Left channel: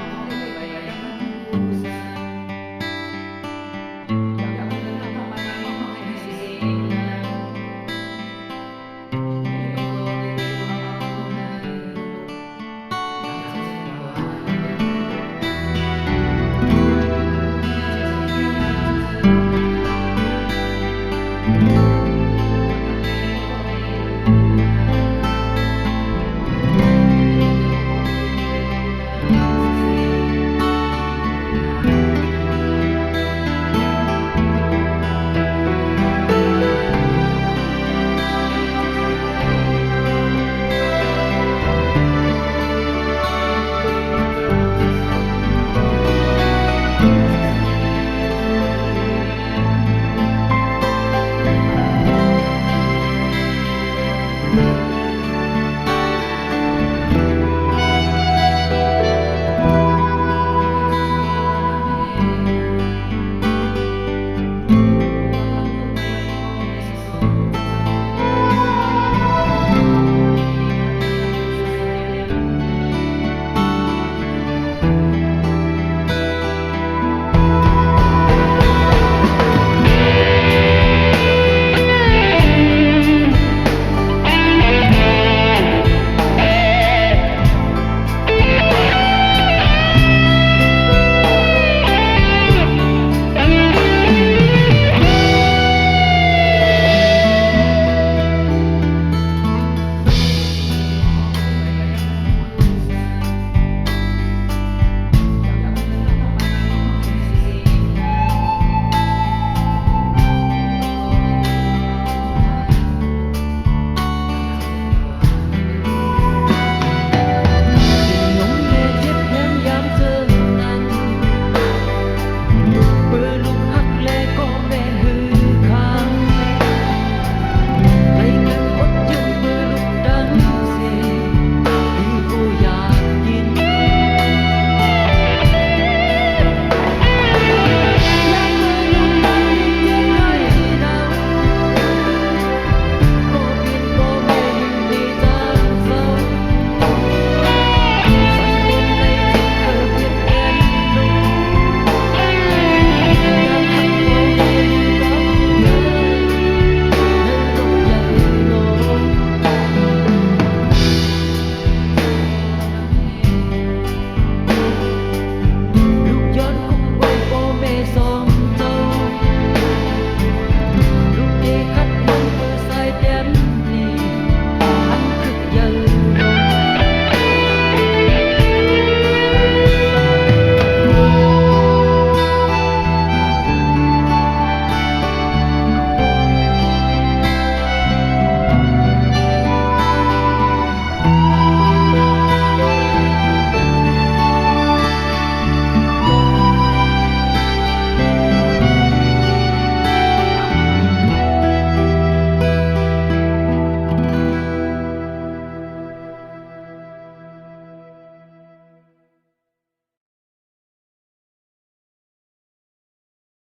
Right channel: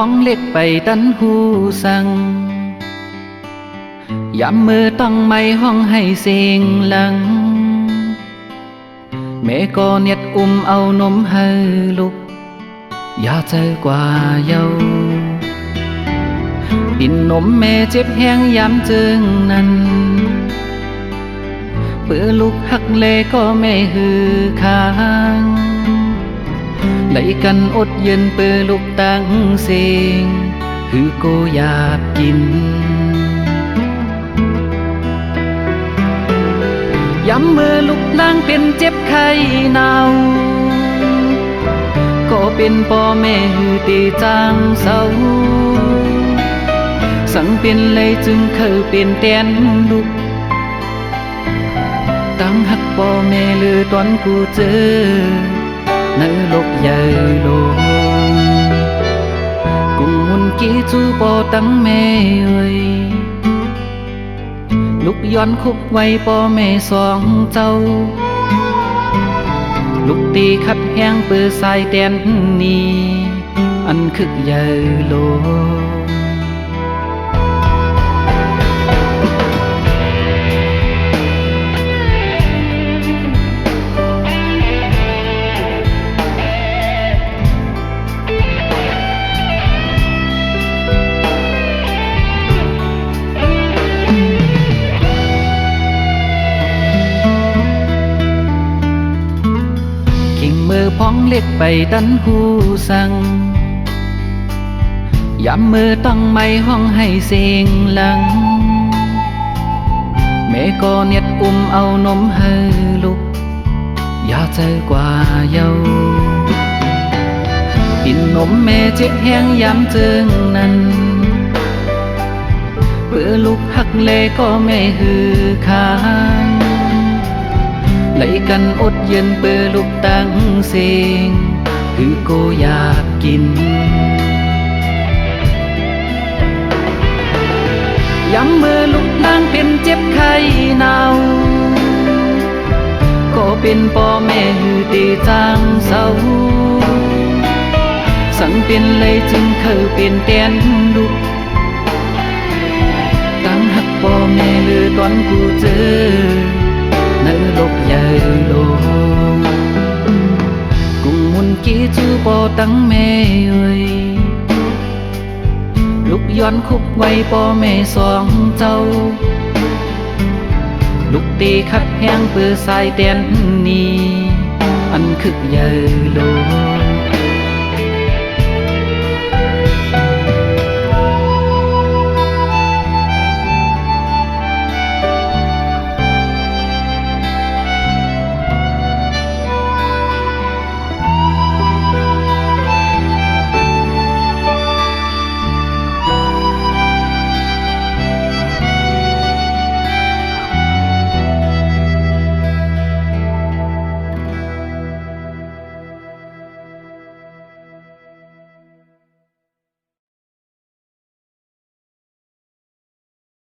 พ้องเล็กไปดันหูสั่งยามมือต้องไม่ห้องให้เสียงหลังแม่ก็เน็ดเอานมให้ลูกอย่าใจกว่าเยาบินนมแม่เจ็บแห้งยามจึงนั้นเมื่อลูกหักเลก็ไม่ฮือคางไหลกันอดยืนเปื้อลูกตั้งเสียงคือกูอยากกินย้ำเมื่อลูกนางเป็นเจ็บไข้หนาวก็เป็นพ่อแม่ฮือตีจางเศร้าสังเป็นเลยจึงเคยเป็นแดนลูกตั้งหักพ่อแม่ลือตอนกูเจอในโลกใหญ่โลกกูมุนกี้จูปอตั้งแม่เอ้ยลูกย้อนคุกไว้พ่อแม่สองเจ้าลูกตีขัดแห้งเปื้อสายแดนนี้อันคึกใหญ่โลกไปดันหูสั่งยามมือต้องไม่ห้องให้เสียงหลังแม่ก็เน็ดเอานมให้ลูกอยากใจกว่าเยากินนมแม่เจ็บแห้งยามเจิงนั้นเบื่อลูกหักเลก็ไม่ฮือคาไหลกันอดยืนเบื่อลูกตั้งเสียงถึงกูอยากกินยังเมื่อลูกนางเป็นเจ็บไข้หนาวก็เป็นพ่อแม่อยู่ตีจางเศร้าสังเป็นเลยจึงเคยเป็นแกนลูกตั้งหักพ่อแม่หรือตอนกูเจอในโลกใหญ่โลกตั้งแม่เอ้ยลูกย้อนคุกไว้พ่อแม่สองเจ้าลูกตีขัดแห้งเพื่อสายแดน